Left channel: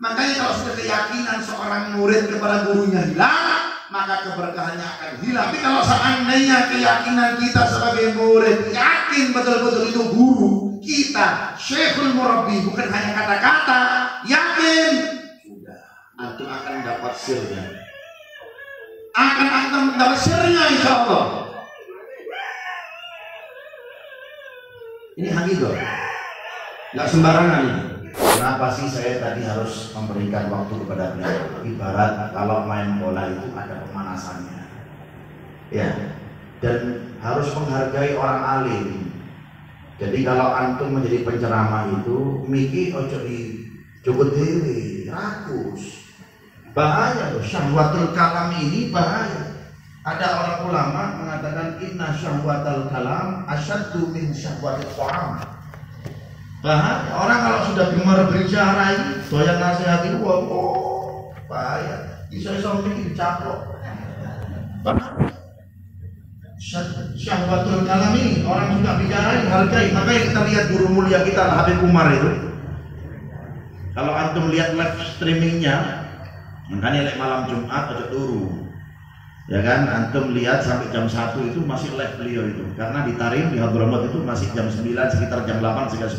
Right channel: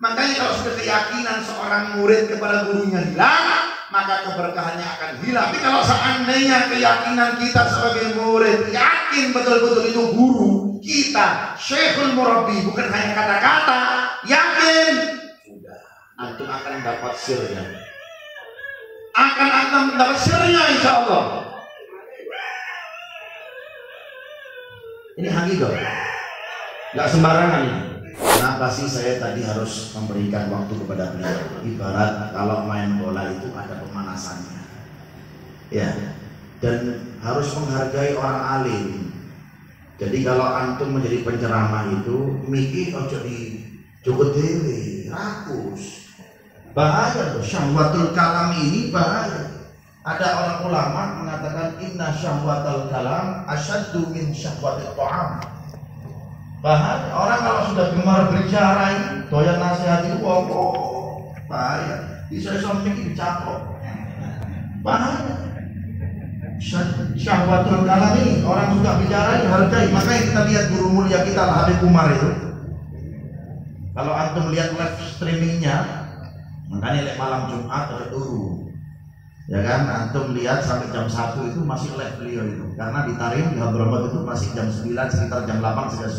Makanya kalau sudah keyakinan seorang murid kepada gurunya hilang, maka keberkahannya akan hilang. Tapi kalau seandainya keyakinan kita sebagai murid yakin betul-betul itu guru kita, Syekhul Murabbi, bukan hanya kata-kata, yakin, sudah, antum akan dapat sirnya. Akan dapat sirnya, insya Allah. Ini hakikat, nggak sembarangan ini. Kenapa sih saya tadi harus memberikan waktu kepada beliau? Ibarat kalau main bola itu ada pemanasannya, ya, dan harus menghargai orang alim. Jadi kalau antum menjadi penceramah itu, miki ojo di cukup dewi, rakus, bahaya loh. Syahwatul kalam ini bahaya. Ada orang ulama mengatakan inna syahwatul kalam asyaddu min syahwatil ta'am. Bahaya, orang kalau sudah gemar berbicara ini, doyan nasihati, wow, bahaya. Bisa mungkin dicaplok, bahaya. Syahwatul kalam ini, orang sudah bicara hargai. Makanya kita lihat guru mulia kita Habib Umar itu. Kalau antum lihat live streamingnya, makanya lihat malam Jumat ada turu, ya kan? Antum lihat sampai jam 1 itu masih live beliau itu, karena di Tarim di Hadramaut itu masih jam 9, sekitar jam 8 sekitar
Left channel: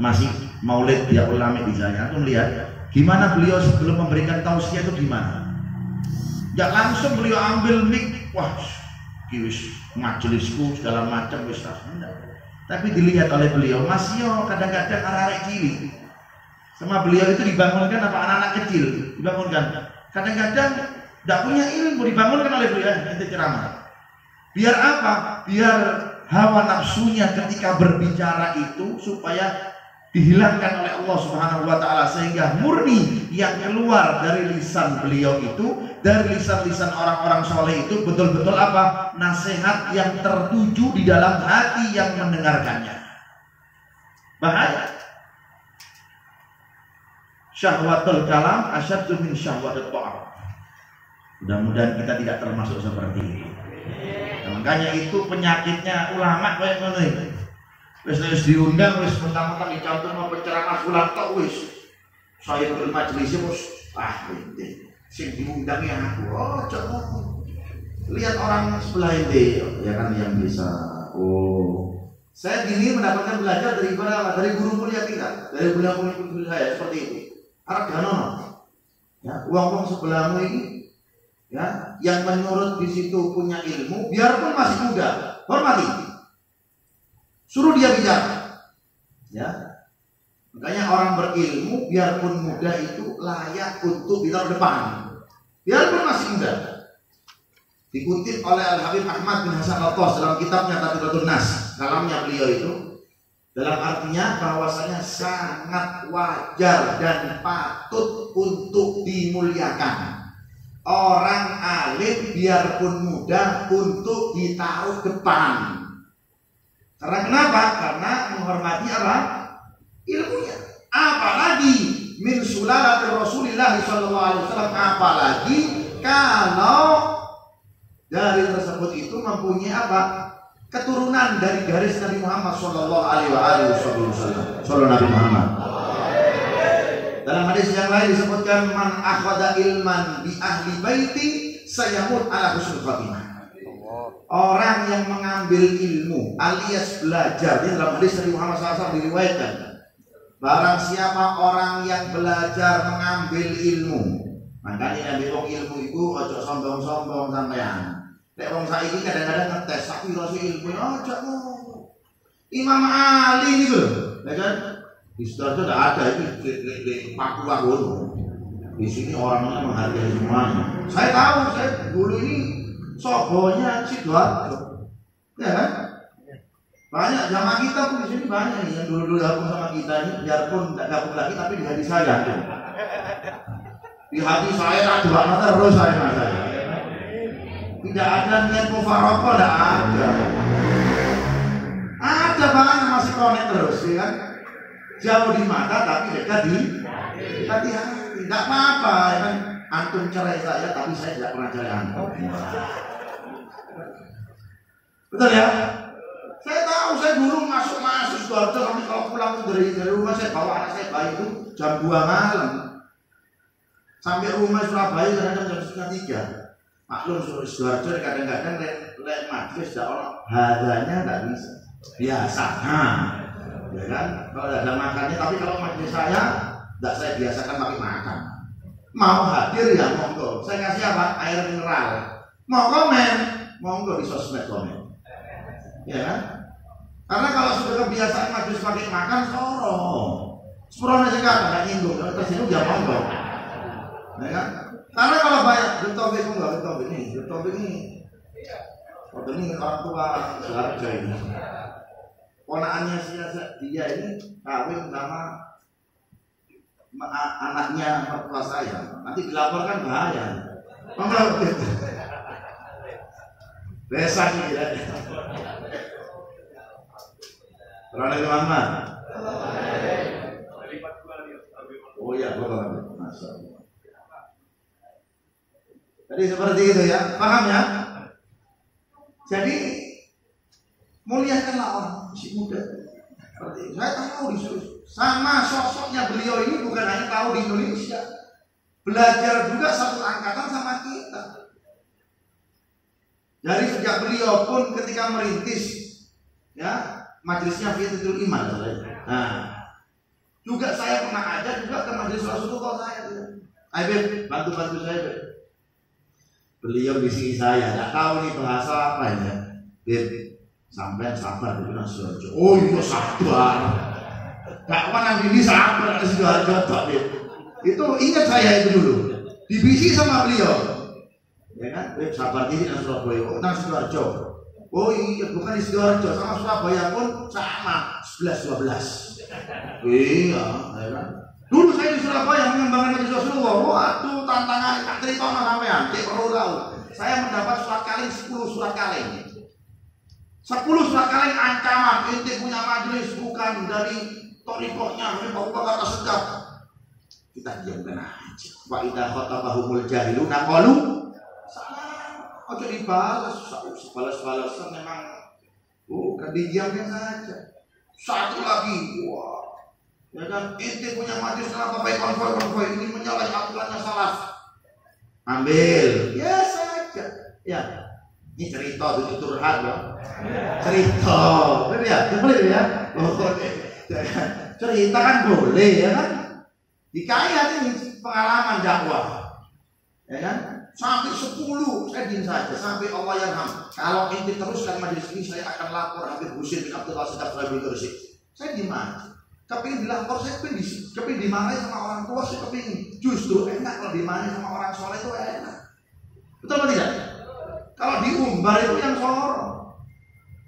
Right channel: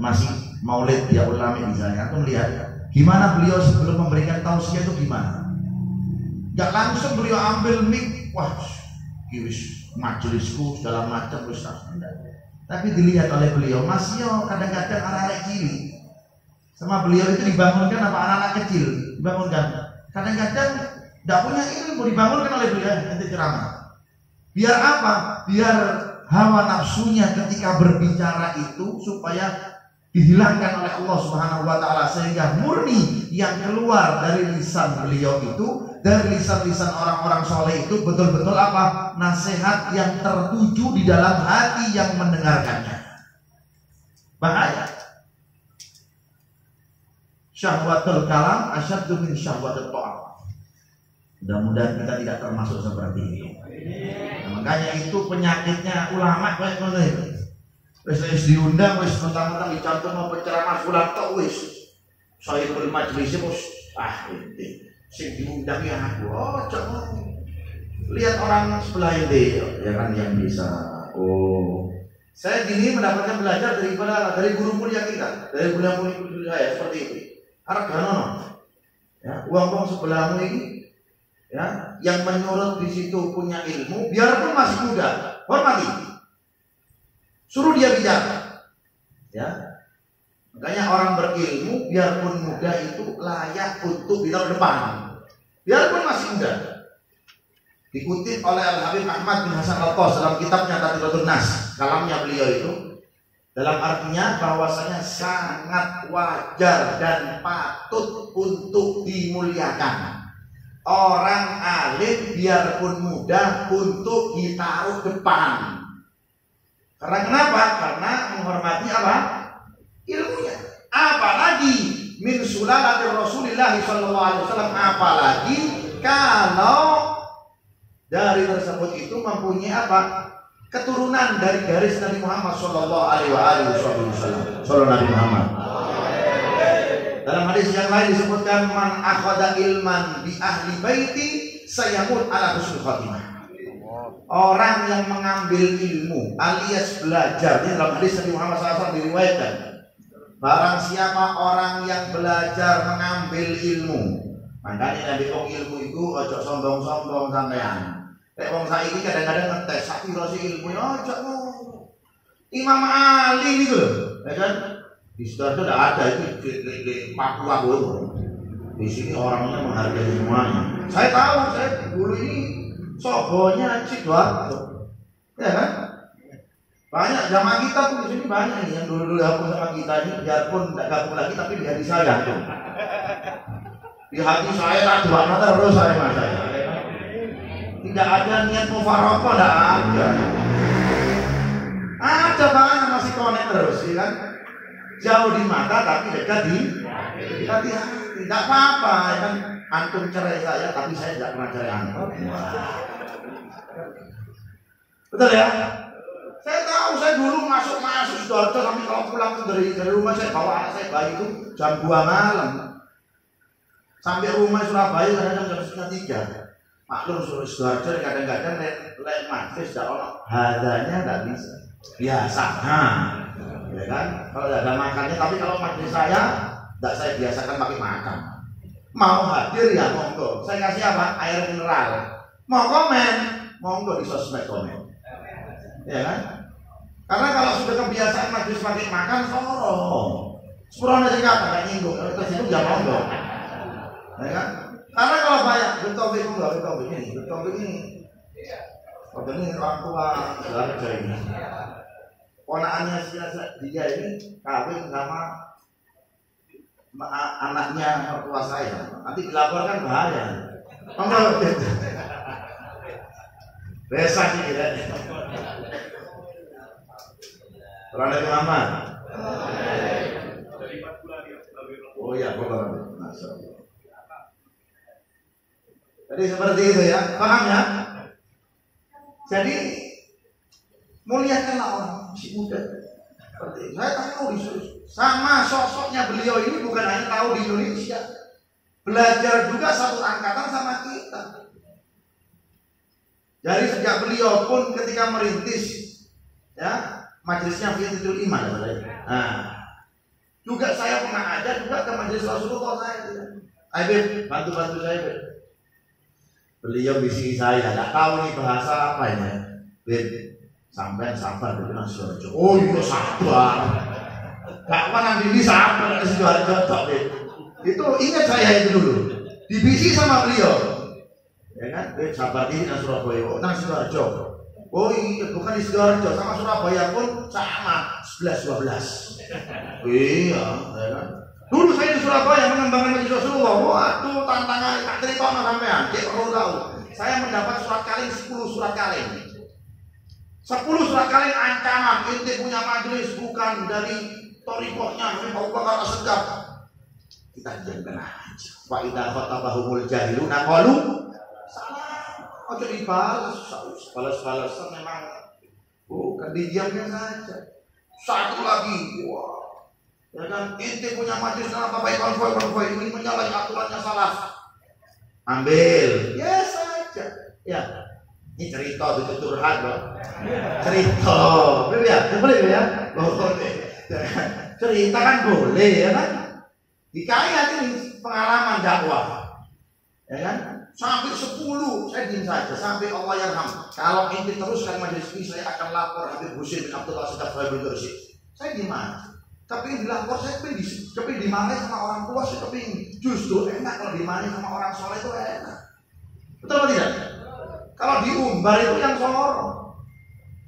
9 masih maulid dia ulama di sana. Antum lihat gimana beliau sebelum memberikan tausiah itu gimana? Gak langsung beliau ambil mic, wah, wis majelisku segala macam wis enggak. Tapi dilihat oleh beliau masih kadang-kadang anak-anak cilik sama beliau itu dibangunkan apa anak-anak kecil dibangunkan. Kadang-kadang tidak punya ilmu dibangunkan oleh beliau nanti ceramah. Biar apa? Biar hawa nafsunya ketika berbicara itu supaya dihilangkan oleh Allah Subhanahu wa taala, sehingga murni yang keluar dari lisan beliau itu, dari lisan-lisan orang-orang soleh itu betul-betul apa? Nasihat yang tertuju di dalam hati yang mendengarkannya. Bahaya. Syahwatul kalam asyaddu min syahwatil ta'am. Mudah-mudahan kita tidak termasuk seperti ini. Nah, makanya itu penyakitnya ulama kayak gini. Wis diundang wis mentang-mentang dicantum apa ceramah fulan tok wis. Saya bermajelis bos. Ini sing diundang yang aku. Oh, coba lihat orang sebelah ini ya kan yang bisa. Oh, saya gini mendapatkan belajar dari guru mulia kita, dari guru saya seperti itu. Arganono, ya, uang-uang sebelahmu ini, ya, yang menurut di situ punya ilmu, biarpun masih muda, hormati, suruh dia bicara, ya. Makanya orang berilmu, biarpun muda itu layak untuk bicara depan, biarpun masih muda. Dikutip oleh Al Habib Ahmad bin Hasan Al-Qas dalam kitabnya Tadribatun Nas, kalamnya beliau itu. Dalam artinya bahwasanya sangat wajar dan patut untuk dimuliakan orang alim biarpun muda untuk ditaruh depan. Karena kenapa? Karena menghormati apa? Ilmunya. Apalagi min sulalatir Rasulillah sallallahu alaihi wasallam, apalagi kalau dari tersebut itu mempunyai apa? Keturunan dari garis Nabi Muhammad sallallahu alaihi wasallam. Sallallahu Nabi Muhammad. Dalam hadis yang lain disebutkan man akhadha ilman bi ahli baiti sayamut ala husnul khatimah. Orang yang mengambil ilmu alias belajar, ini dalam hadis Nabi Muhammad SAW diriwayatkan, barang siapa orang yang belajar mengambil ilmu, makanya Nabi ilmu itu ojo sombong-sombong sampean. Nek wong saiki kadang-kadang ngetes tapi rasa ilmu aja Imam Ali gitu loh, ya kan? Di situ tidak ada itu di Papua itu. Di sini orangnya menghargai semuanya. Saya tahu, saya dulu ini sobonya Sidoarjo, ya kan? Banyak jamaah kita pun di sini banyak yang dulu gabung sama kita ini, biarpun tidak gabung lagi tapi di hati saya tuh. Di hati saya dua mata terus saya. Tidak ada niat mufarokoh, tidak ada. Ada banyak masih konek terus, ya kan? Jauh di mata tapi dekat di hati. Tidak apa-apa, ya kan? Antum cerai saya, tapi saya tidak pernah cerai antum. Betul ya? Saya tahu, saya dulu masuk Sidoarjo, tapi kalau pulang dari rumah saya bawa anak saya bayi itu jam 2 malam. Sampai rumah Surabaya kadang-kadang jam setengah 3. Maklum suruh Sidoarjo kadang-kadang lek majlis tidak ono harganya nggak bisa. Biasa, ya kan? Kalau ada makannya, tapi kalau majlis saya tidak saya biasakan pakai makan. Mau hadir ya monggo. Saya kasih apa? Air mineral. Mau komen, monggo di sosmed komen. Ya kan? Karena kalau sudah kebiasaan majlis pakai makan, sepuluh nasi kata nggak nyinggung. Terus itu nggak monggo. Ya kan? Karena kalau banyak bertopik ini, orang tua Sidoarjo ini, ponakannya dia ini kawin sama anaknya mertua saya. Nanti dilaporkan bahaya. Monggo. Desa ini ya. Rada Muhammad. Oh iya, Bapak. Masyaallah. Jadi seperti itu ya, paham ya? Jadi muliakanlah orang masih muda. Seperti itu. Saya tahu sama sosoknya beliau ini bukan hanya tahu di Indonesia, belajar juga satu angkatan sama kita. Dari sejak beliau pun ketika merintis, ya majelisnya Fiyatul Iman, juga saya pernah ada juga ke majelis Rasulullah saya. Ayo bantu saya. Beliau bisiki saya, tidak tahu nih bahasa apa ini. Sampai sabar dari Mas Sidoarjo. Oh iya sabar. Gak pernah ini sabar dari Sidoarjo. Itu ingat saya itu dulu. Dibisiki sama beliau. Ya kan? Sabar diri nang Surabaya. Oh nang Sidoarjo. Oh iya bukan di Sidoarjo, sama Surabaya pun sama 11-12. Iya, ya kan? Dulu saya di Surabaya mengembangkan majelis Rasulullah. Waduh, tantangan tak cerita sampean. Dia perlu tahu. Saya mendapat surat kaleng 10 surat kaleng. 10 surat kaleng ancaman. Inti punya majelis bukan dari torikohnya, dari Abu Bakar As-Siddiq. Kita diamkan aja. Wa idza khatabahumul jahiluna qalu salam. Oke dibalas, balas-balasan memang. Bukan didiamnya saja. Satu lagi, wah. Ya kan, inti punya majelis kenapa baik konvoi ini menyalahi aturannya salah. Ambil, ya saja. Ya, ini cerita itu curhat loh. Cerita, boleh ya? Boleh. Cerita kan boleh ya kan? Dikaya ini pengalaman dakwah, ya kan? Sampai 10 saya diam saja sampai Allah yarham. Kalau inti teruskan majelis ini saya akan lapor Habib Husin bin Abdullah Siddiq saya diam aja. Kepingin dilapor, saya kepingin dimarahi sama orang tua, saya kepingin. Justru enak kalau dimarahi sama orang soleh itu enak. Betul atau tidak? Kalau diumbar itu yang sorong.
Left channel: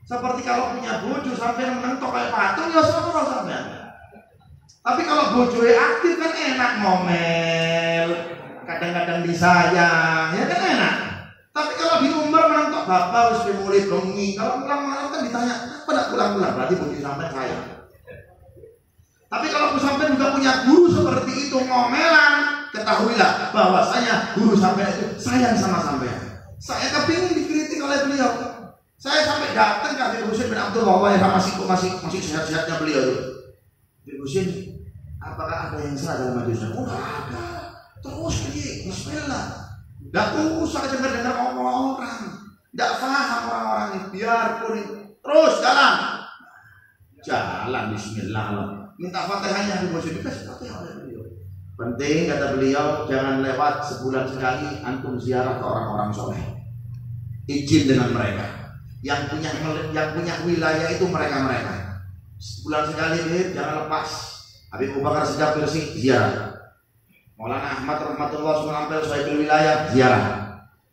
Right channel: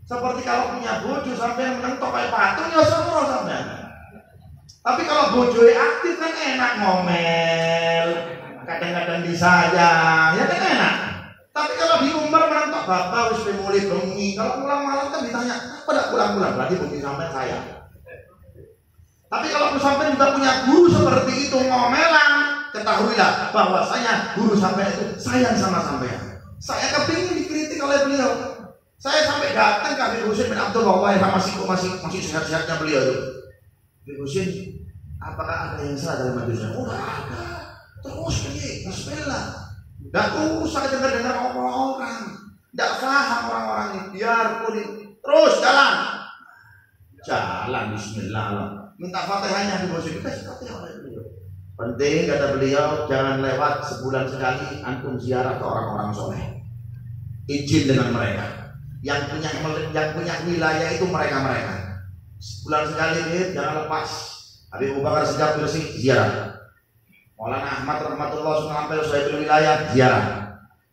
Seperti kalau punya bojo sampai menentok kayak patung, ya sorong sampai. Tapi kalau bojonya aktif kan enak ngomel, kadang-kadang disayang, ya kan enak. Tapi kalau diumbar menentok bapak harus mulai bengi. Kalau pulang malam kan ditanya, apa tidak pulang-pulang? Berarti bunyi sampai sayang. Tapi kalau pesantren juga punya guru seperti itu ngomelan, ketahuilah bahwasanya guru sampai itu sayang sama sampean. Saya kepingin dikritik oleh beliau. Saya sampai datang ke Habib Husin bin Abdullah yang masih sehat-sehatnya beliau itu. Habib Husin, apakah ada yang salah dalam majelis? Oh ada. Terus ini, bismillah. Gak usah dengar ngomong orang. Gak paham orang-orang ini. Biarpun terus jalan bismillah lah. Minta fatihahnya di bawah dikasih fatihah oleh beliau. Penting kata beliau, jangan lewat sebulan sekali antum ziarah ke orang-orang soleh. Izin dengan mereka. Yang punya wilayah itu mereka. Sebulan sekali jangan lepas. Habib Abu Bakar As-Siddiq bersih ziarah. Maulana Ahmad rahmatullah SAW saya wilayah ziarah.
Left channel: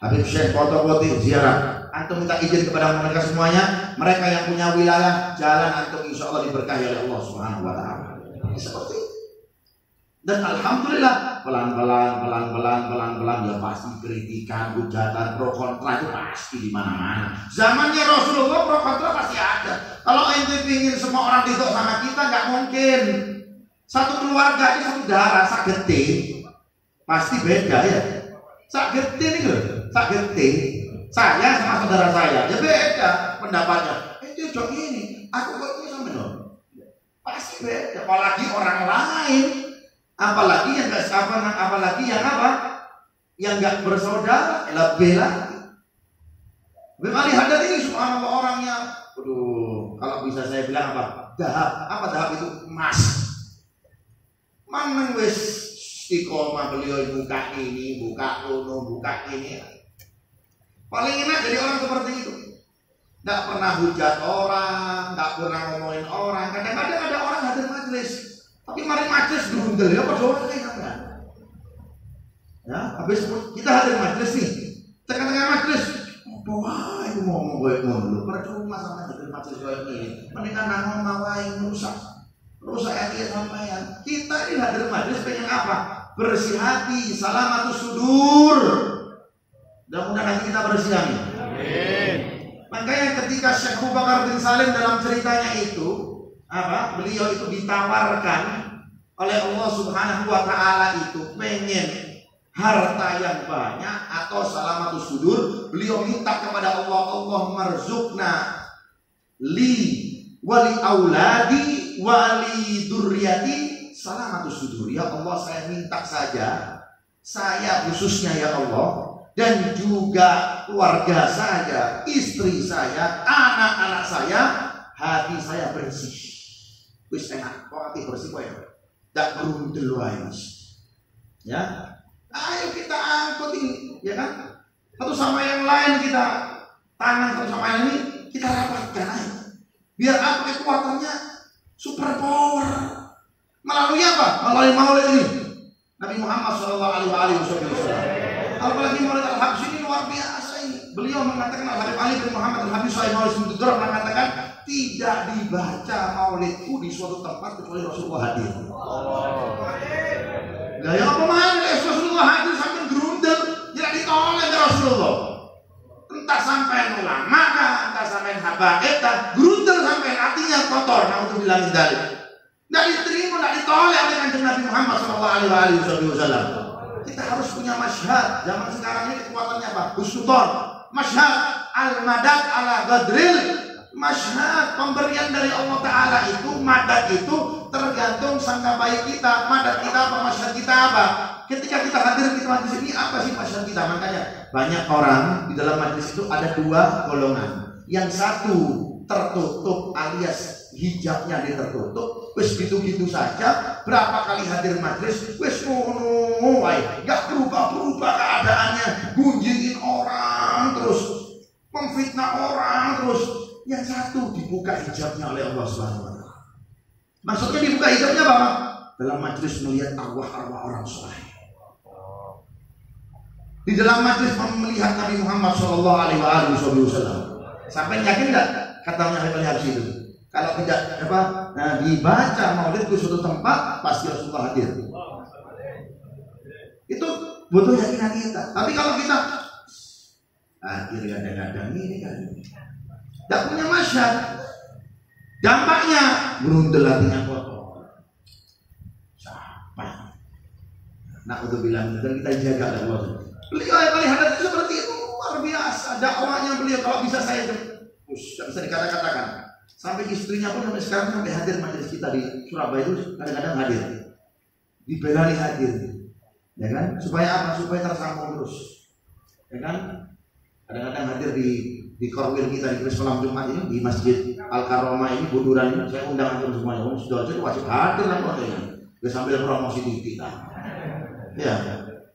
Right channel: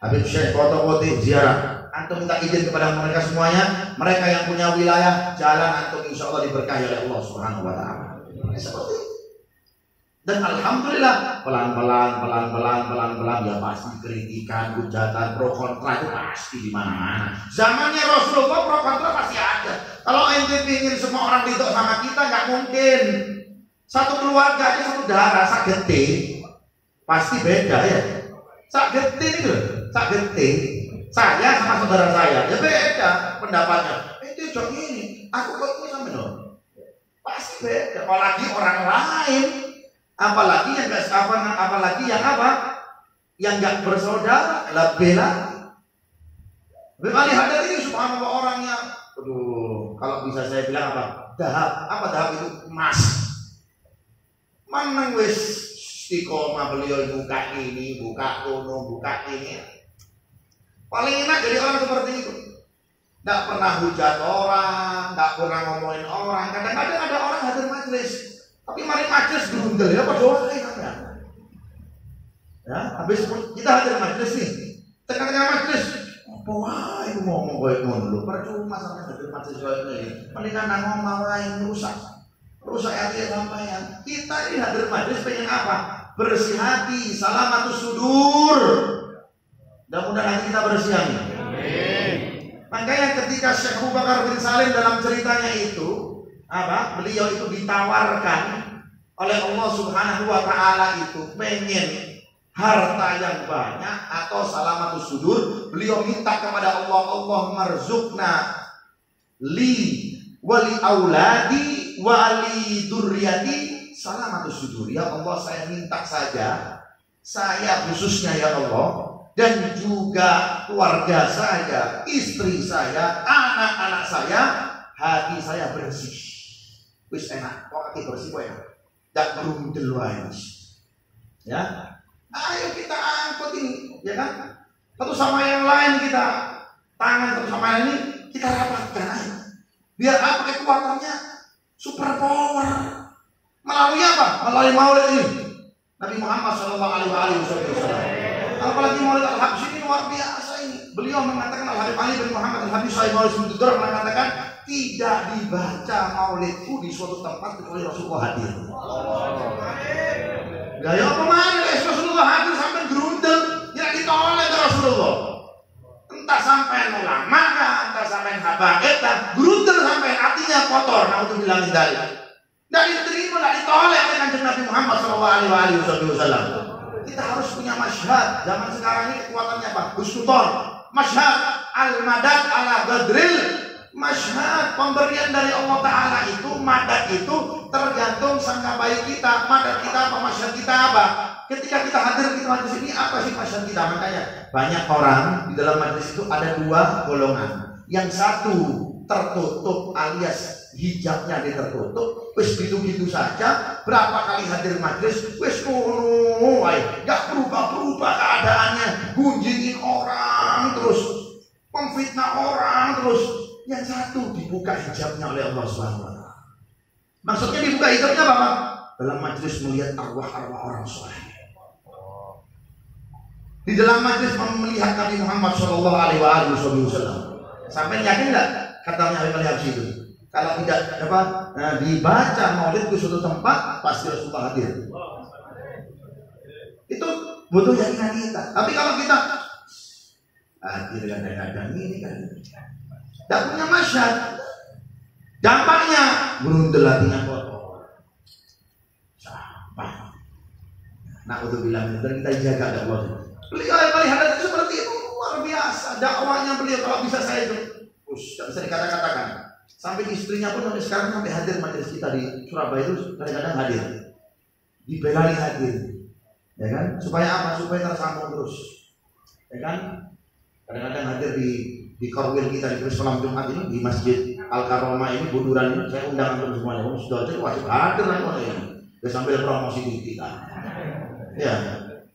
Habib Syekh Qotoboti ziarah. Antum minta izin kepada mereka semuanya. Mereka yang punya wilayah jalan antum insya Allah diberkahi oleh Allah Subhanahu Wa Taala. Seperti itu. Dan alhamdulillah pelan-pelan ya pasti kritikan, hujatan, pro kontra itu pasti di mana-mana. Zamannya Rasulullah pro kontra pasti ada. Kalau ente ingin semua orang ridho sama kita nggak mungkin. Satu keluarga aja satu darah sakete pasti beda ya. Sakete itu, sakete. Saya sama saudara saya ya beda pendapatnya. Itu jok ini, aku kok ini sampai dong. Pasti beda. Apalagi orang lain Apalagi yang nggak apalagi yang apa? Yang nggak bersaudara, lebih lagi. Kali hadat ini subhanallah orangnya, aduh, kalau bisa saya bilang apa? Dahab. Apa dahab itu? Emas. Mang wis istiqomah beliau buka ini, buka kono, buka ini. Paling enak jadi orang seperti itu. Nggak pernah hujat orang, nggak pernah ngomongin orang. Kadang-kadang ada orang hadir majelis, tapi mari majelis berundel ya, apa dosa kita? Ya, habis kita hadir majelis nih, tengah-tengah majelis, apa wae ngomong koyo ngono lho, percuma sampai hadir majelis koyo ini. Mendingan ngomong wae rusak hati sampean. Kita ini hadir majelis pengen apa? Bersih hati, salamatus sudur. Mudah-mudahan hati kita bersih hati. Makanya ketika Syekh Abu Bakar bin Salim dalam ceritanya itu, apa? Beliau itu ditawarkan oleh Allah Subhanahu wa taala itu pengen harta yang banyak atau salamatus sudur. Beliau minta kepada Allah, Allah marzukna li wali auladi wali durriyati salamatus sudur. Ya Allah, saya minta saja, saya khususnya ya Allah, dan juga keluarga saya, istri saya, anak-anak saya, hati saya bersih. Wis enak, kok hati bersih kok ya. Tak berundel wae. Ya. Ayo kita angkut ini, ya kan? Satu sama yang lain kita tangan satu sama yang ini kita rapatkan aja. Biar apa kekuatannya super power. Melalui apa? Melalui maulid ini. Nabi Muhammad SAW. Apalagi Maulid Al-Habsyi ini luar biasa ini. Beliau mengatakan, Al-Habib Ali bin Muhammad Al-Habsyi SAW mengatakan, tidak dibaca maulidku di suatu tempat kecuali Rasulullah hadir. Gaya pemain Rasulullah hadir sampai gerundel, tidak ditolak ke Rasulullah. Entah sampai ulama, entah sampai habaib, gerundel sampai hatinya kotor. Nah untuk bilang dari, tidak diterima, tidak ditolak oleh Kanjeng Nabi Muhammad SAW. Kita harus punya masyhad. Zaman sekarang ini kekuatannya apa? Husnudzon. Masyhad al-madad ala gadril. Masyhad pemberian dari Allah Ta'ala itu, madad itu tergantung sangka baik kita. Madad kita apa, masyhad kita apa? Ketika kita hadir di majlis ini, apa sih masyhad kita? Makanya banyak orang di dalam majlis itu ada dua golongan. Yang satu tertutup alias hijabnya dia tertutup, wis gitu-gitu saja. Berapa kali hadir majlis, wis gak berubah keadaannya, gunjingin orang terus, memfitnah orang terus. Yang satu dibuka hijabnya oleh Allah SWT. Maksudnya dibuka hijabnya apa? Dalam majlis melihat arwah-arwah orang soleh. Di dalam majlis melihat Nabi Muhammad SAW. Sampai yakin nggak katanya Habib Ali itu? Kalau tidak apa, nah, dibaca maulid di suatu tempat pasti Rasulullah hadir. Itu butuh keyakinan kita. Tapi kalau kita hadir kadang-kadang ini kan tidak punya masyhad, dampaknya berundel hatinya kotor. Siapa? Nah untuk bilang kita jaga Allah. Beliau melihat itu seperti itu luar biasa. Dakwahnya beliau kalau bisa saya tidak bisa dikata-katakan. Sampai istrinya pun sampai sekarang sampai hadir majelis kita di Surabaya itu kadang-kadang hadir, dibelani hadir, ya kan? Supaya apa? Supaya tersambung terus, ya kan? Kadang-kadang hadir di korwil kita di malam Jumat ini di Masjid Al Karomah ini Bunduran ini saya undang antum semuanya. Om sudah wajib hadir nanti ini. Dia sambil promosi di kita, ya.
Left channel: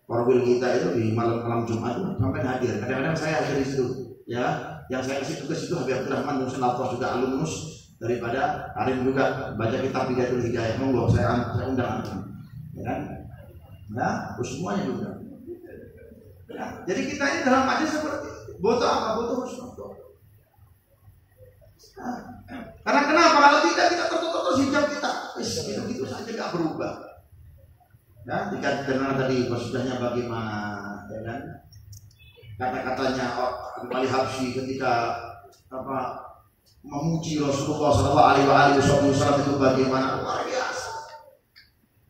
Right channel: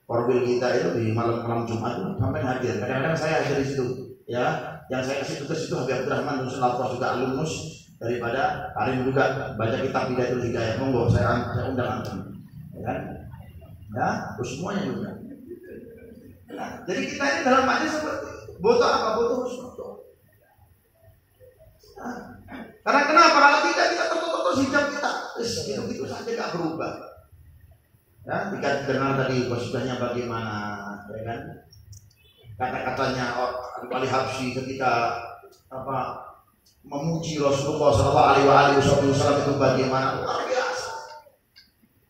Korwil kita itu di malam Jumat itu sampai hadir. Kadang-kadang saya hadir di situ, ya. Yang saya kasih tugas itu Habib Abdurrahman Musin Al-Fas juga alumnus daripada Karim juga baca kitab Bidayatul Hidayah. Monggo saya undang antum, ya kan? Ya, semuanya juga. Nah, jadi kita ini dalam majlis seperti butuh apa? Butuh husnudzon. Nah, karena kenapa? Kalau kita tertutup hijab kita, gitu saja nggak berubah. Ya, dikenal tadi maksudnya bagaimana, ya kan? Kata-katanya Al Habsyi ketika apa memuji Rasulullah SAW itu bagaimana luar biasa.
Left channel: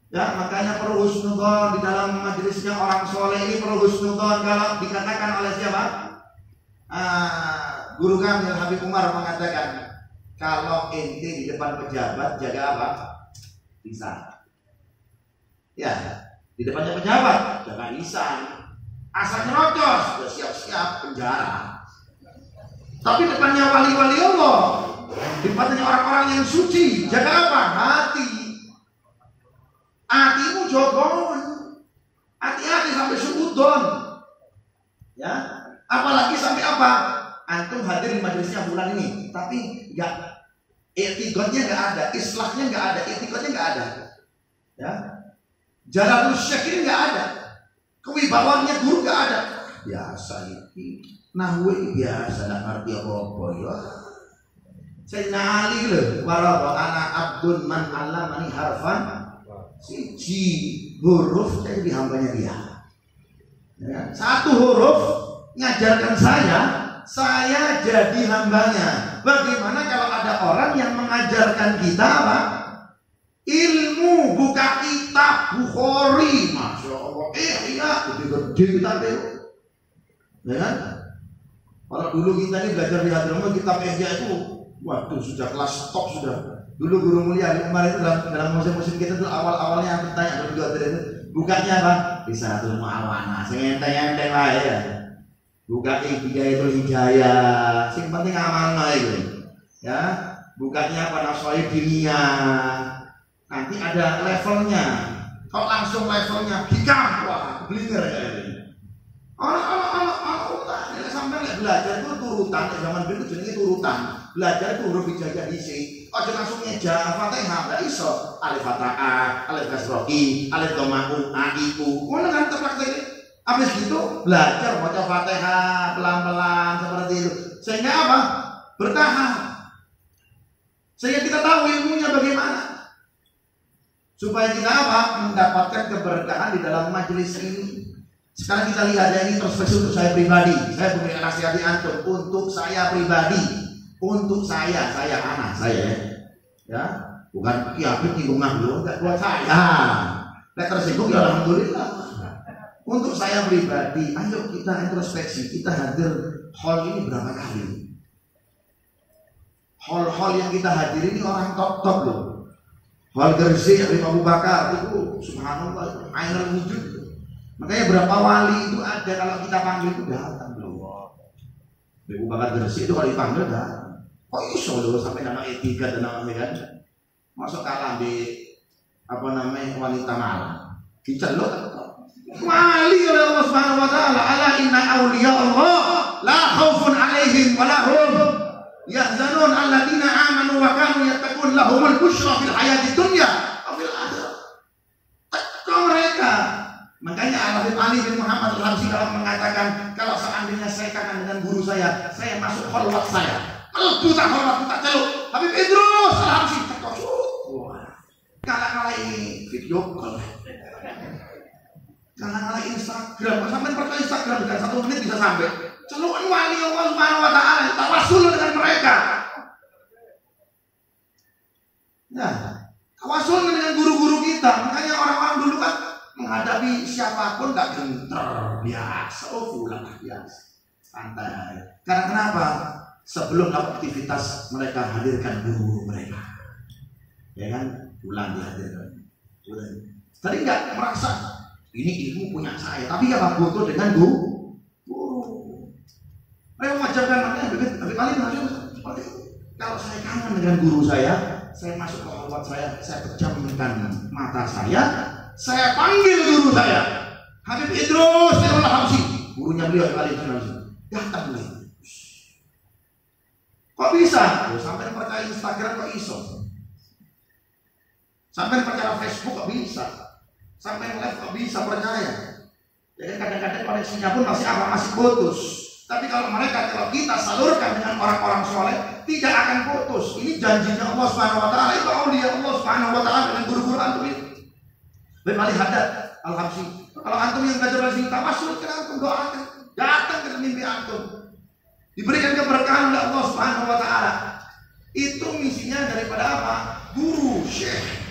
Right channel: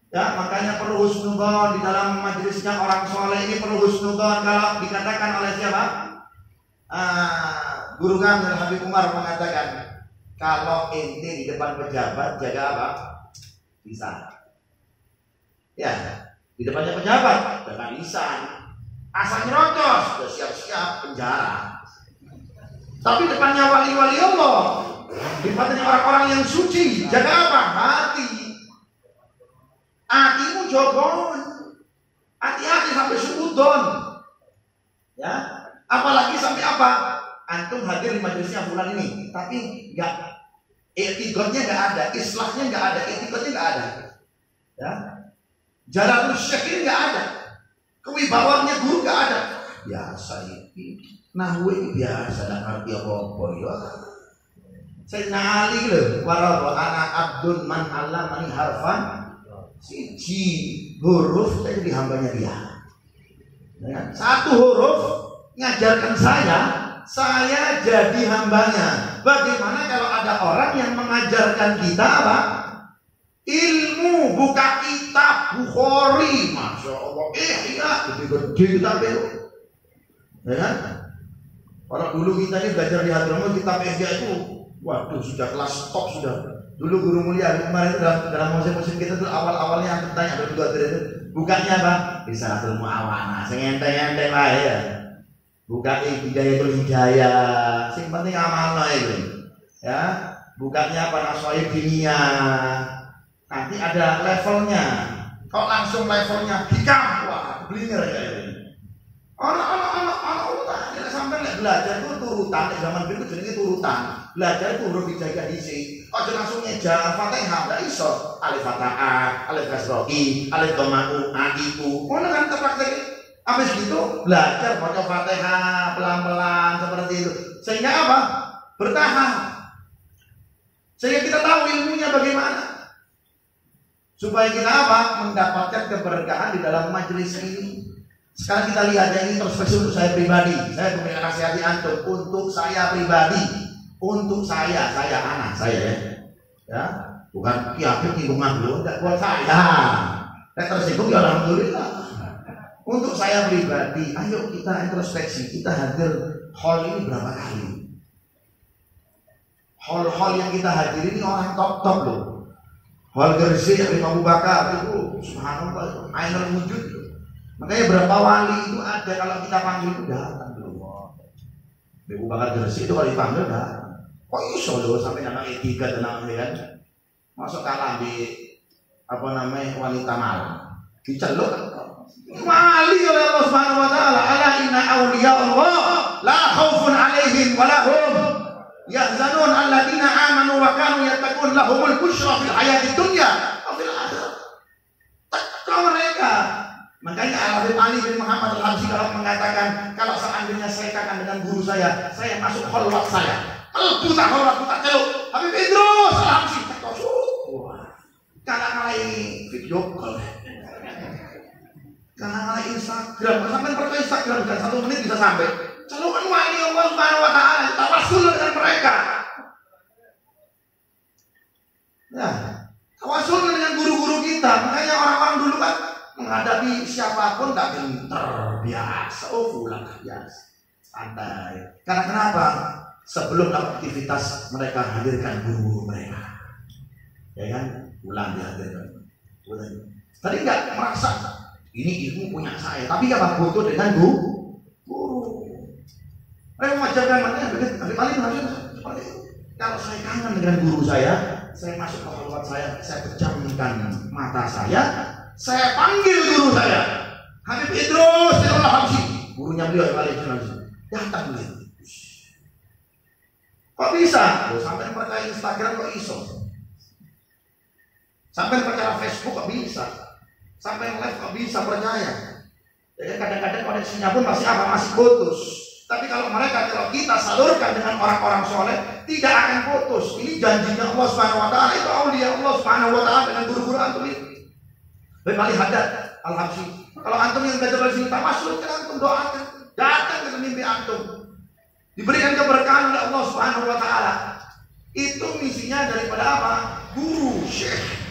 Ya makanya perlu husnudzon di dalam majelisnya orang soleh ini, perlu husnudzon. Kalau dikatakan oleh siapa? Guru kami Habib Umar mengatakan kalau ente di depan pejabat jaga apa? Lisan. Ya, di depannya pejabat, jaga lisan. Asal nyerocos, sudah siap-siap penjara. Tapi depannya wali-wali Allah, depannya orang-orang yang suci, jaga apa? Hati. Hatimu jogon. Hati-hati sampai suudon. Ya, apalagi sampai apa? Antum hadir di majelisnya bulan ini, tapi enggak, etikotnya enggak ada, islahnya enggak ada, etikotnya enggak ada. Ya, jarakul syekh enggak ada, kewibawaannya guru enggak ada. Biasa ini, nahwu ini biasa, enggak ngerti apa-apa ya. Saya nali loh, warahmatullahi anak abdun man allamani harfan, siji huruf saya jadi hambanya dia. Ya, satu huruf ngajarkan saya jadi hambanya. Bagaimana kalau ada orang yang mengajarkan kita apa? Ilmu, buka kitab Bukhari, masya Allah, iya, gede-gede kitab itu. Ya kan? Kalau dulu kita ini belajar di Hadramaut kitab Ihya itu, waduh sudah kelas top sudah. Dulu guru mulia kemarin dalam musim kita tuh awal-awalnya yang bertanya ada juga itu bukanya apa? Risalatul Mu'awana, sengenteng-enteng lah ya. Buka Hidayatul Hidayah, yang penting amalnya itu. Ya, bukanya apa? Nasoib Dinia. Nanti ada levelnya. Kok langsung levelnya hikam, wah, blinger ya itu. Anak sampai belajar itu turutan, zaman dulu jenenge turutan. Belajar itu huruf hijaiyah isi. Ojo langsung ngeja Fatihah, enggak iso. Alif Fatahah, alif kasrohi, alif doma'u, aiku. Ngono kan terpaksa. Habis gitu belajar baca Fatihah pelan-pelan seperti itu. Sehingga apa? Bertahap. Sehingga kita tahu ilmunya bagaimana. Supaya kita apa? Mendapatkan keberkahan di dalam majelis ini. Sekarang kita lihat ya, ini perspektif untuk saya pribadi. Saya memberikan nasihati antum untuk saya pribadi, untuk saya anak saya ya, bukan kiamat di rumah dulu, enggak buat saya. Saya tersinggung ya alhamdulillah. Untuk saya pribadi, ayo kita introspeksi, kita hadir hall ini berapa kali? Hall yang kita hadir ini orang top loh. Hall Gersik dari Abu Bakar itu, subhanallah, itu ainul wujud. Makanya berapa wali itu ada kalau kita panggil itu datang loh. Abu Bakar Gersik itu kalau dipanggil datang. Kok iso loh sampai nama etika dan nama kan? Masuk kalah di apa namanya wanita malam. Diceluk wali oleh Allah Subhanahu wa taala. Ala inna awliya Allah la khaufun alaihim wa lahum yahzanun alladziina aamanu wa kanu yattaqun lahumul busyra fil hayatid dunya wa fil akhirah. Takwa mereka. Makanya Al-Habib Ali bin Muhammad Al-Habsyi kalau mengatakan kalau seandainya saya katakan dengan guru saya masuk khalwat saya. Melebu tak khalwat tak celuk. Habib Idrus Al-Habsyi tak wah. Kala-kala ini video call. Kala-kala Instagram, sampai percaya Instagram kan 1 menit bisa sampai. Celukan wali Allah Subhanahu wa taala, tawasul dengan mereka. Nah, tawasul dengan guru-guru kita. Makanya orang-orang dulu kan menghadapi siapapun gak gentar, biasa, pulang biasa, santai. Karena kenapa? Sebelum aktivitas mereka hadirkan guru mereka, ya kan, pulang dihadirkan. Tadi nggak merasa ini ilmu punya saya, tapi apa foto dengan guru. Ayo mengajarkan mana? Tapi paling maksud seperti itu. Kalau saya kangen dengan guru saya masuk ke khalwat saya pejamkan mata saya panggil guru saya, Habib Idrus Al-Habsyi, gurunya beliau kali itu datang beliau. Kok bisa? Sampai percaya Instagram kok iso? Sampai percaya Facebook kok bisa? Sampai live kok bisa percaya? Jadi kadang-kadang koneksinya pun masih putus. Tapi kalau kita salurkan dengan orang-orang soleh, tidak akan putus. Ini janjinya Allah Subhanahu wa taala, itu auliya Allah Subhanahu wa taala dengan guru-guru antum ini. Berkali hadat Al-Habsyi. Kalau antum yang belajar dari sini tawasul, antum doakan, datang ke mimpi antum, diberikan keberkahan oleh Allah Subhanahu wa taala. Itu misinya daripada apa? Guru, syekh.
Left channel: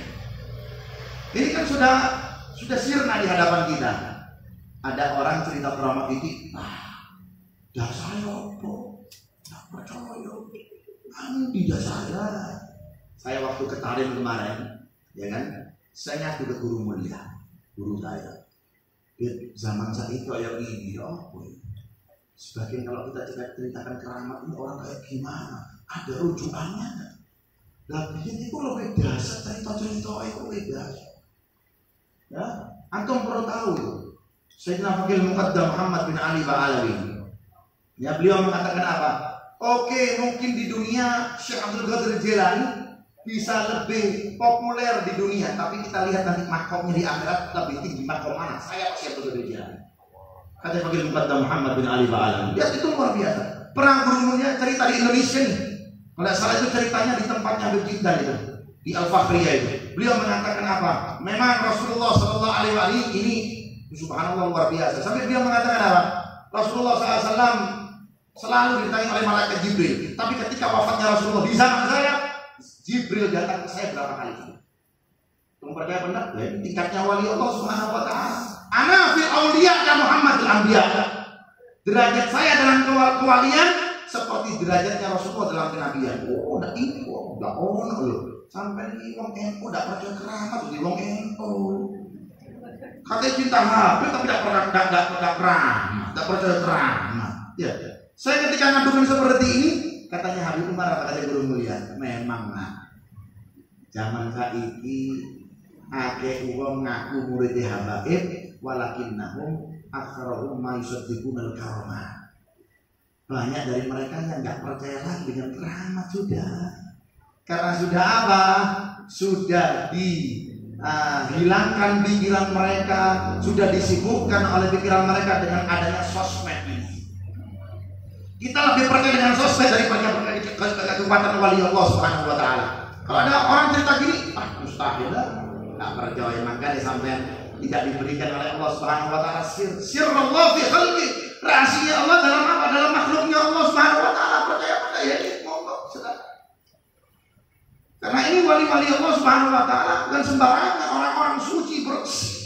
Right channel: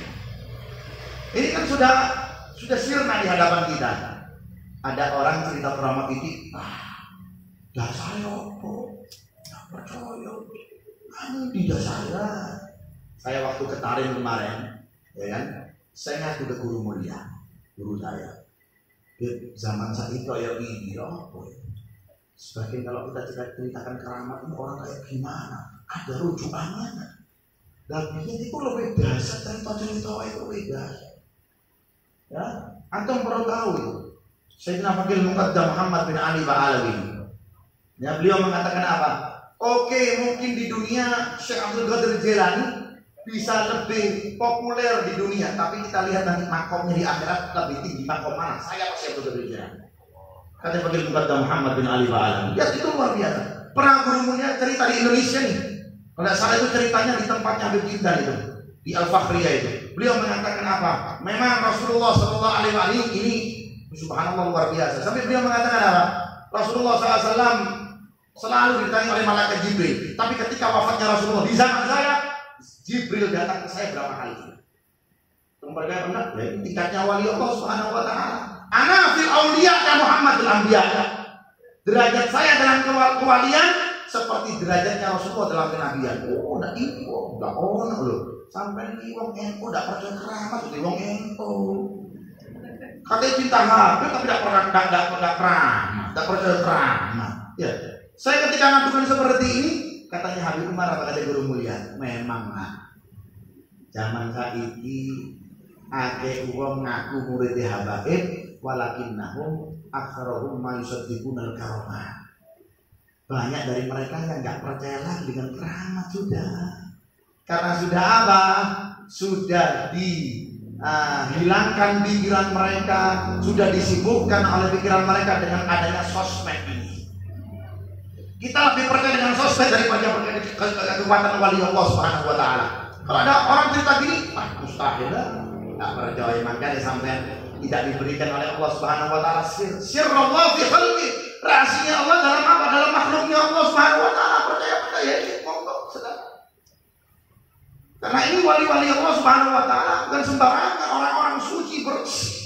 Ini kan sudah sirna di hadapan kita. Ada orang cerita Keramat Titik, dasarnya apa? Tidak percaya. Kamu tidak saya waktu ke Tarim kemarin, ya kan? Saya ngadu ke guru mulia. guru saya. Zaman saya itu kayak gini, sebagian kalau kita ceritakan keramat ini orang kayak gimana? Ada rujukannya. Tapi itu lebih dasar cerita-cerita itu lebih dasar. Ya, antum perlu tahu itu. Sayyidina Faqih Muqaddam Muhammad bin Ali Ba'alawi. Ya, beliau mengatakan apa? Oke, mungkin di dunia Syekh Abdul Qadir Jilani bisa lebih populer di dunia, tapi kita lihat nanti makomnya di akhirat lebih tinggi makom mana? Saya pasti Abdul Qadir Jilani. Kata Faqih Muqaddam Muhammad bin Ali Ba'alawi. Ya, itu luar biasa. Pernah gurunya cerita di Indonesia nih. Kalau salah itu ceritanya di tempatnya Habib Jiddan itu, di Al-Fakhriyah itu. Beliau mengatakan apa? Memang Rasulullah SAW ini subhanallah luar biasa. Sampai beliau mengatakan apa? Rasulullah SAW selalu ditanya oleh malaikat Jibril. Tapi ketika wafatnya Rasulullah di zaman saya, Jibril datang ke saya berapa kali? Memperkaya benar? Ya, tingkatnya wali Allah Subhanahu Wa Taala. Ana fil auliya dan Muhammadul Anbiya. Derajat saya dalam kewalian seperti derajatnya Rasulullah dalam kenabian. Oh, udah info, udah on loh. Sampai ini wong NU udah percaya keramat, udah wong NU. Katanya cinta HP tapi tidak percaya keramat. Ya. Saya ketika ngadukan seperti ini, katanya Habib Umar apa kata guru mulia? Memang zaman saiki akeh wong ngaku murid Habaib walakinnahum aktsaruhum ma yusaddiquna al-karamah. Banyak dari mereka yang enggak percaya lagi dengan keramat sudah. Karena sudah apa? Sudah dihilangkan pikiran mereka, sudah disibukkan oleh pikiran mereka dengan adanya sosmed ini. Kita lebih percaya dengan sosmed daripada kekuatan wali Allah Subhanahu Wa Taala. Kalau ada orang cerita gini, mustahil lah. Nggak percaya, makanya sampai tidak diberikan oleh Allah Subhanahu Wa Taala sirrullah fi khalqi, rahasia Allah dalam apa? Dalam makhluknya Allah Subhanahu Wa Taala. Percaya ini monggo sedang. Karena ini wali-wali Allah Subhanahu Wa Taala bukan sembarangan, orang-orang suci bersih.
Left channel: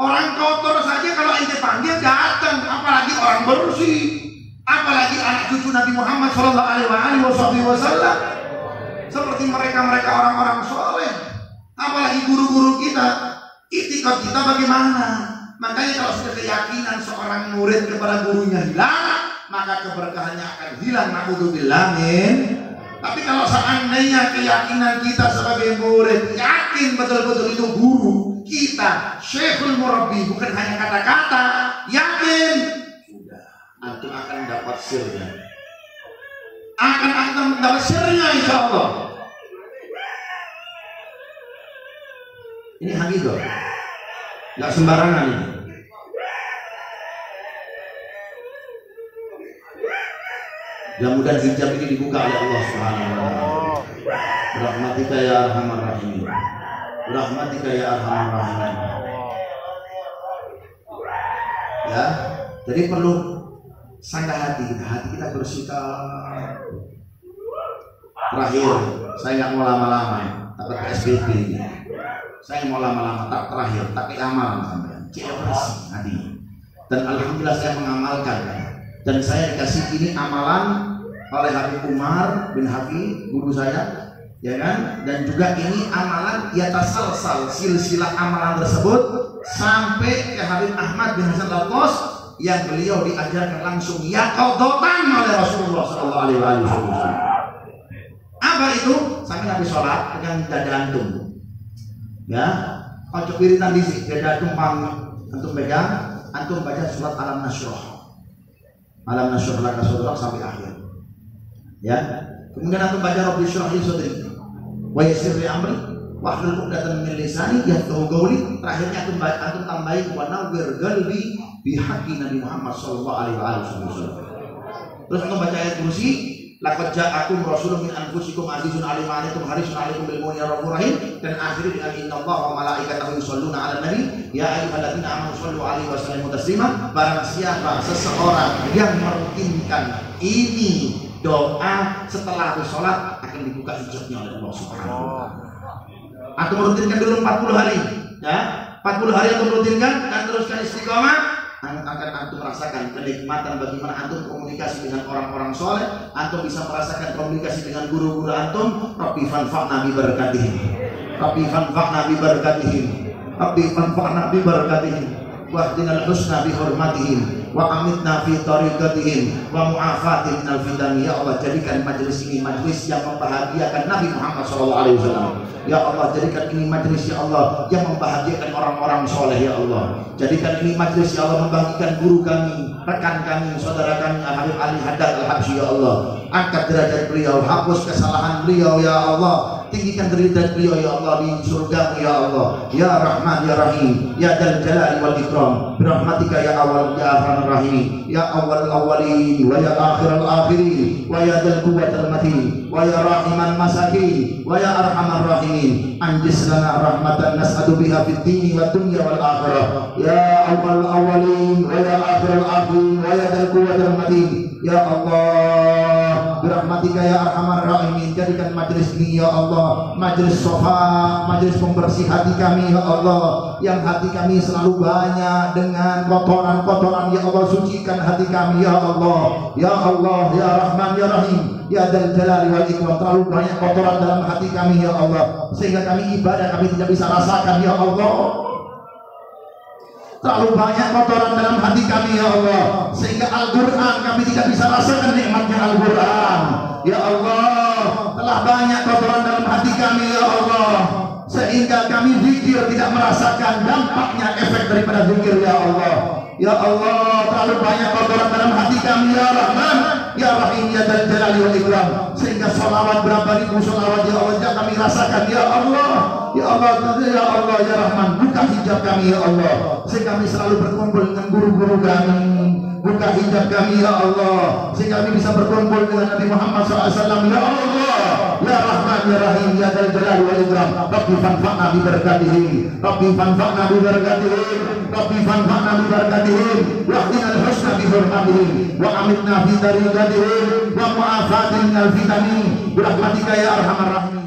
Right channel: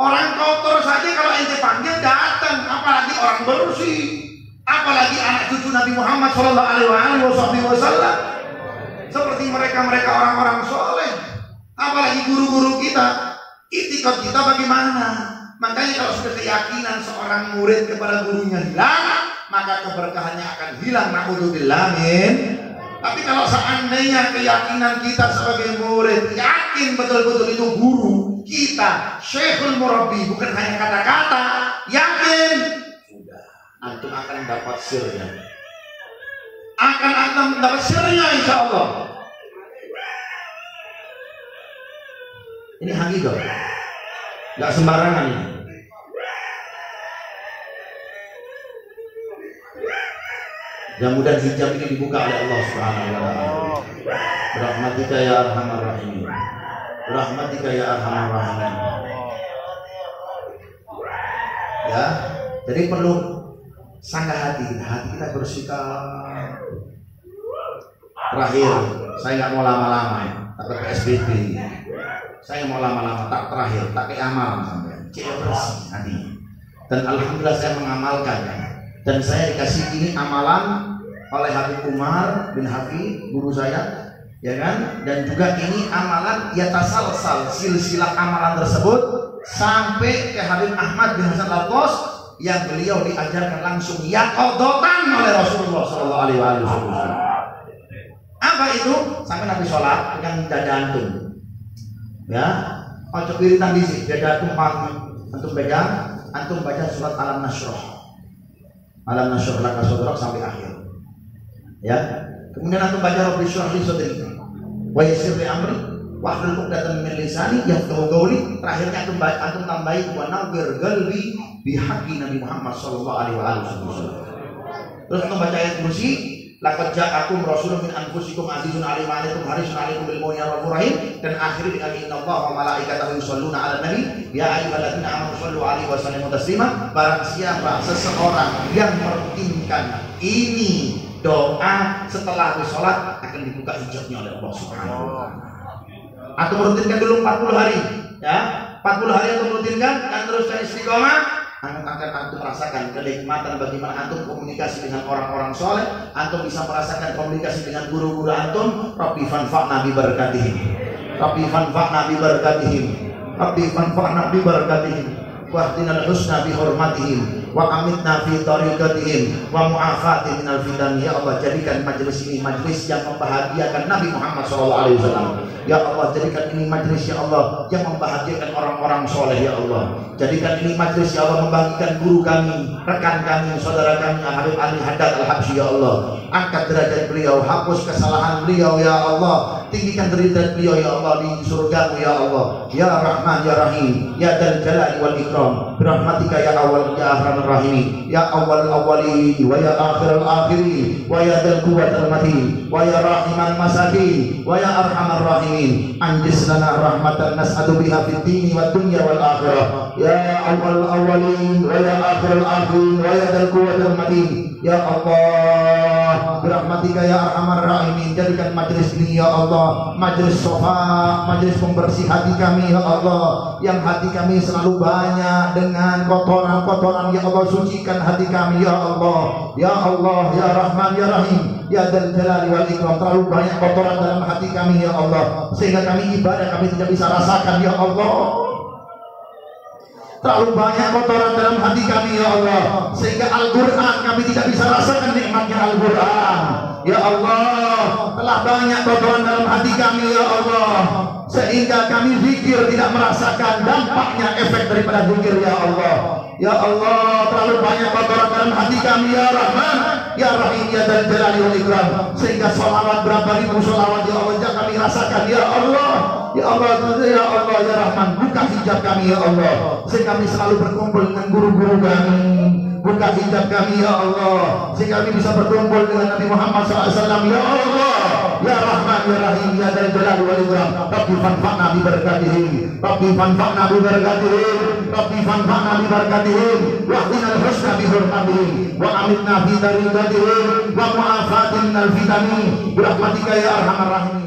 Orang kotor saja kalau ente panggil datang, apalagi orang bersih. Apalagi anak cucu Nabi Muhammad Shallallahu Alaihi Wasallam, seperti mereka orang-orang soleh. Apalagi guru-guru kita, itikad kita bagaimana? Makanya kalau sudah keyakinan seorang murid kepada gurunya hilang, maka keberkahannya akan hilang. Na'udzubillah min. Tapi kalau seandainya keyakinan kita sebagai murid yakin betul-betul itu guru kita, Syekhul Murabbi, bukan hanya kata-kata, yakin, antum akan dapat sirnya. Akan dapat sirnya insya Allah. Ini hakikat, nggak sembarangan ini. Mudah-mudahan hijab ini dibuka oleh Allah Subhanahu Wa Taala. Rahmatika ya arhamar rahimin. Rahmatika ya arhamar rahimin. Ya, jadi perlu sanggah hati kita bersikap. Terakhir, saya nggak mau lama-lama, takut PSBB. Saya mau lama-lama, tak terakhir, tak kayak amalan sampai bersih hatinya. Dan alhamdulillah saya mengamalkan, dan saya dikasih ini amalan oleh Habib Umar bin Habib, guru saya, ya kan? Dan juga ini amalan yatasalsal, silsilah amalan tersebut sampai ke Habib Ahmad bin Hasan Al-Qos, yang beliau diajarkan langsung yaqodotan oleh Rasulullah Sallallahu Alaihi Wasallam. Apa itu? Sampai Nabi sholat dengan dada antum, ya, ojo wiritan di dada antum pegang, antum baca surat Alam Nashrah laka sadrak sampai akhir, ya. Kemudian antum baca Rabbi shrah li sadri wa yassir li amri wahlul 'uqdatam min lisani yafqahu qawli. Terakhirnya antum tambahin wa nawwir qalbi bihaqi Nabi Muhammad sallallahu alaihi wasallam. Terus antum baca ayat kursi, laqad ja'akum rasulun min anfusikum azizun 'alaihi ma antum harisun 'alaikum bil mu'minina raufur rahim, dan akhir dengan innallaha wa malaikatahu yusholluna 'alan nabi ya ayyuhalladzina amanu shollu 'alaihi wa sallimu taslima. Barang siapa seseorang yang merutinkan ini doa setelah habis sholat, akan dibuka hijabnya oleh Allah Subhanahu wa taala. Atau merutinkan dulu 40 hari, ya. 40 hari atau merutinkan dan teruskan istiqomah, akan antum merasakan kenikmatan bagaimana antum komunikasi dengan orang-orang soleh. Antum bisa merasakan komunikasi dengan guru-guru antum. Rabbi fanfa'na bi barakatihim, Rabbi fanfa'na bi barakatihim, Rabbi fanfa'na bi barakatihim wa ahdina al-husna bi hurmatihim wa amitna fi tariqatihim wa mu'afatihim minal fitan. Ya Allah, jadikan majelis ini majelis yang membahagiakan Nabi Muhammad SAW. Ya Allah, jadikan ini majelis ya Allah yang membahagiakan orang-orang soleh ya Allah. Jadikan ini majelis ya Allah membagikan guru kami, rekan kami, saudara kami Habib Ali Haddad Al-Habsyi ya Allah. Angkat derajat beliau, hapus kesalahan beliau ya Allah. Tinggikan derajat beliau ya Allah di surga ya Allah. Ya Rahman ya Rahim ya Dzal Jalali wal Ikram, birahmatika ya awal ya arhamar rahimin ya awwal awwalin wa ya akhirul akhirin wa ya Dzal quwwatil matin wa ya rahiman masakin wa ya arhamar rahimin. Anjis lana rahmatan nas'adu biha fid dini wad dunya wal akhirah ya awwal awwalin wa ya akhirul akhirin wa ya Dzal quwwatil matin. Ya Allah, birahmatika ya arhamar rahimin, jadikan majelis ini ya Allah majelis sofa, majelis pembersih hati kami ya Allah, yang hati kami selalu banyak dengan kotoran-kotoran. Ya Allah, sucikan hati kami ya Allah. Ya Allah, ya Rahman ya Rahim ya Dzal Jalali wal Ikram, terlalu banyak kotoran dalam hati kami ya Allah, sehingga kami ibadah kami tidak bisa rasakan ya Allah. Terlalu banyak kotoran dalam hati kami ya Allah, sehingga Al-Quran kami tidak bisa rasakan nikmatnya Al-Quran. Ya Allah, telah banyak kotoran dalam hati kami ya Allah, sehingga kami zikir tidak merasakan dampaknya efek daripada zikir ya Allah. Ya Allah, terlalu banyak kotoran dalam hati kami ya Rahman ya Rahim ya Dzal Jalali wal Ikram, sehingga sholawat berapa ribu sholawat ya Allah tidak kami rasakan ya Allah. Ya Allah, ya Allah ya Rahman, buka hijab kami ya Allah, sehingga kami selalu berkumpul dengan guru-guru kami. Buka hijab kami ya Allah, sehingga kami bisa berkumpul dengan Nabi Muhammad SAW ya Allah. Ya Rahman ya Rahim ya Dzal Jalali wal Ikram, Rabbi fanfa'na bi barakatihim, Rabbi fanfa'na bi barakatihim, Rabbi fanfa'na bi barakatihim wa ahdina al-husna bi hurmatihim wa amitna fi tariqatihim wa mu'afatihim minal fitani, birahmatika ya arhamar rahimin.